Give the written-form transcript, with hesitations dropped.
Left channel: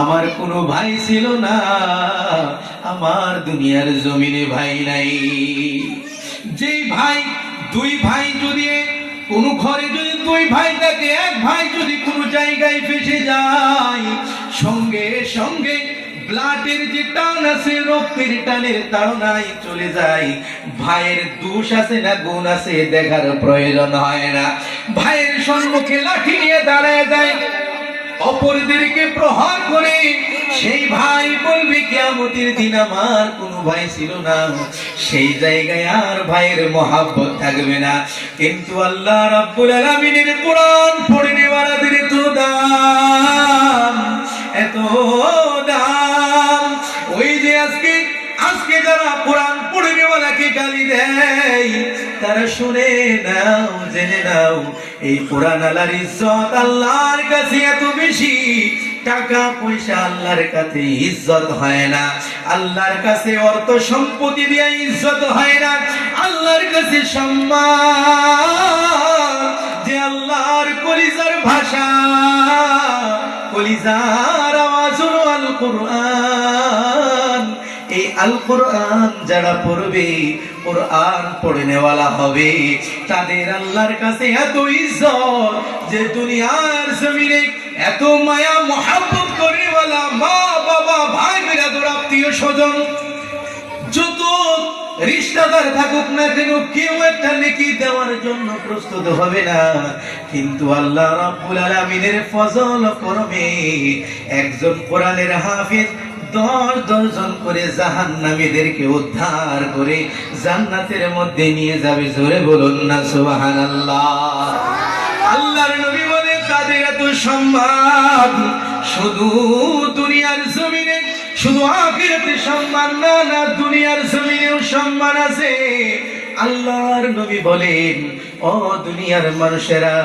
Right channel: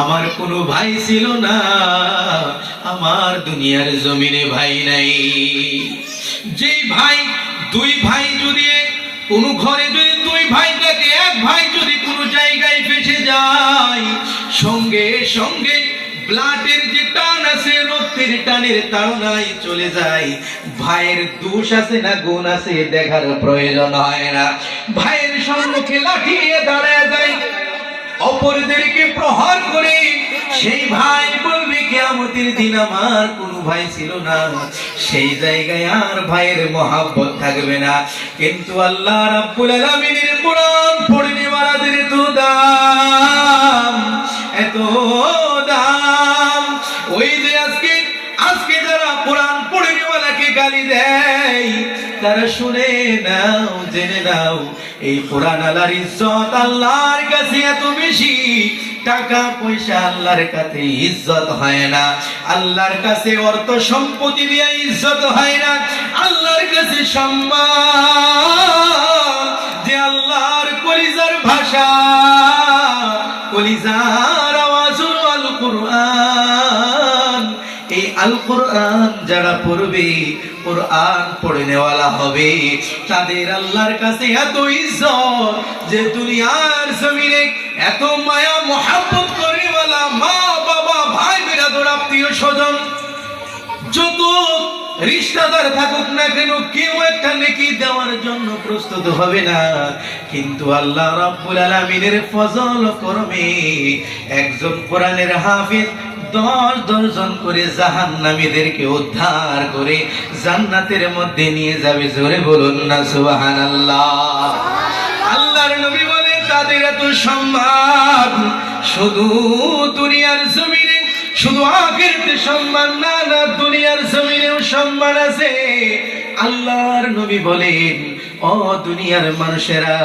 আমার কোনো ভাই ছিল না, আমার দুনিয়ার জমিনে ভাই নাই। যেই ভাই, দুই ভাই যদি কোন ঘরে যদি দুই ভাই থাকে, এক ভাই যদি কোনো জায়গায় ফেসে যায়, সঙ্গে সঙ্গে ব্লাডের যে টান আছে, রক্তের টানের তাড়নায় চলে যায়। ভাইয়ের দোষ আছে না গুণ আছে দেখার প্রয়োজন হয় না। ভাইয়ের সম্মুখে লাঠি নিয়ে দাঁড়ায় যায়, অপরদেরকে প্রহার করে। সেই ভাই বলবে কিয়ামতের দিন আমার কোনো ভাই ছিল না। সেই জায়গায় আর ভাইয়ের মহব্বত থাকবে না। কিন্তু আল্লাহ রাব্বুল আলামিনের কোরআন পড়ে নেওয়ালাদের এত দাম, এত দাম। ওই যে আজকে যারা কোরআন পড়ে নেওয়ালাকে গালি দেয়, তারা শুনে নাও, জেনে নাও, এই কোরআন আল্লাহর ইজ্জত আল্লাহর কাছে এত বেশি। টাকা পয়সা আল্লাহর কাছে ইজ্জত হয় না, আল্লাহর কাছে অর্থ সম্পত্তি দিয়ে ইজ্জত হয় না। আল্লাহর কাছে সম্মান যে আল্লাহর কলিজার ভাষা, কলিজার আওয়াজ হলো আল কোরআন। এই আল কোরআন যারা পড়বে, কোরআন পড়ে নেওয়ালা হবে, তাদের আল্লাহর কাছে এত ইজ্জত যে দুনিয়ার জমিনে এত মায়া মহব্বত করেওয়ালা মা বাবা ভাই বিরাদর আত্মীয় স্বজন যত রিশতেদার থাকুক না কেন, কেউ একটা নেকি দেওয়ার জন্য প্রস্তুত হবে না। কিন্তু আল্লাহ রাব্বুল আলামিনের ফজল করবে, একজন কোরআনের হাফেজ 10 জন করে জাহান্নামীদেরকে উদ্ধার করে জান্নাতের মধ্যে নিয়ে যাবে। জোরে বলুন না সুবহানাল্লাহ। আল্লাহর নবী বলে তাদের এত সম্মান শুধু দুনিয়ার জমিনে, শুধু আখিরাতে সম্মান না, না দুনিয়ার জমিনেও সম্মান আছে। আল্লাহর নবী বলেন, ও দুনিয়ার মানুষেরা,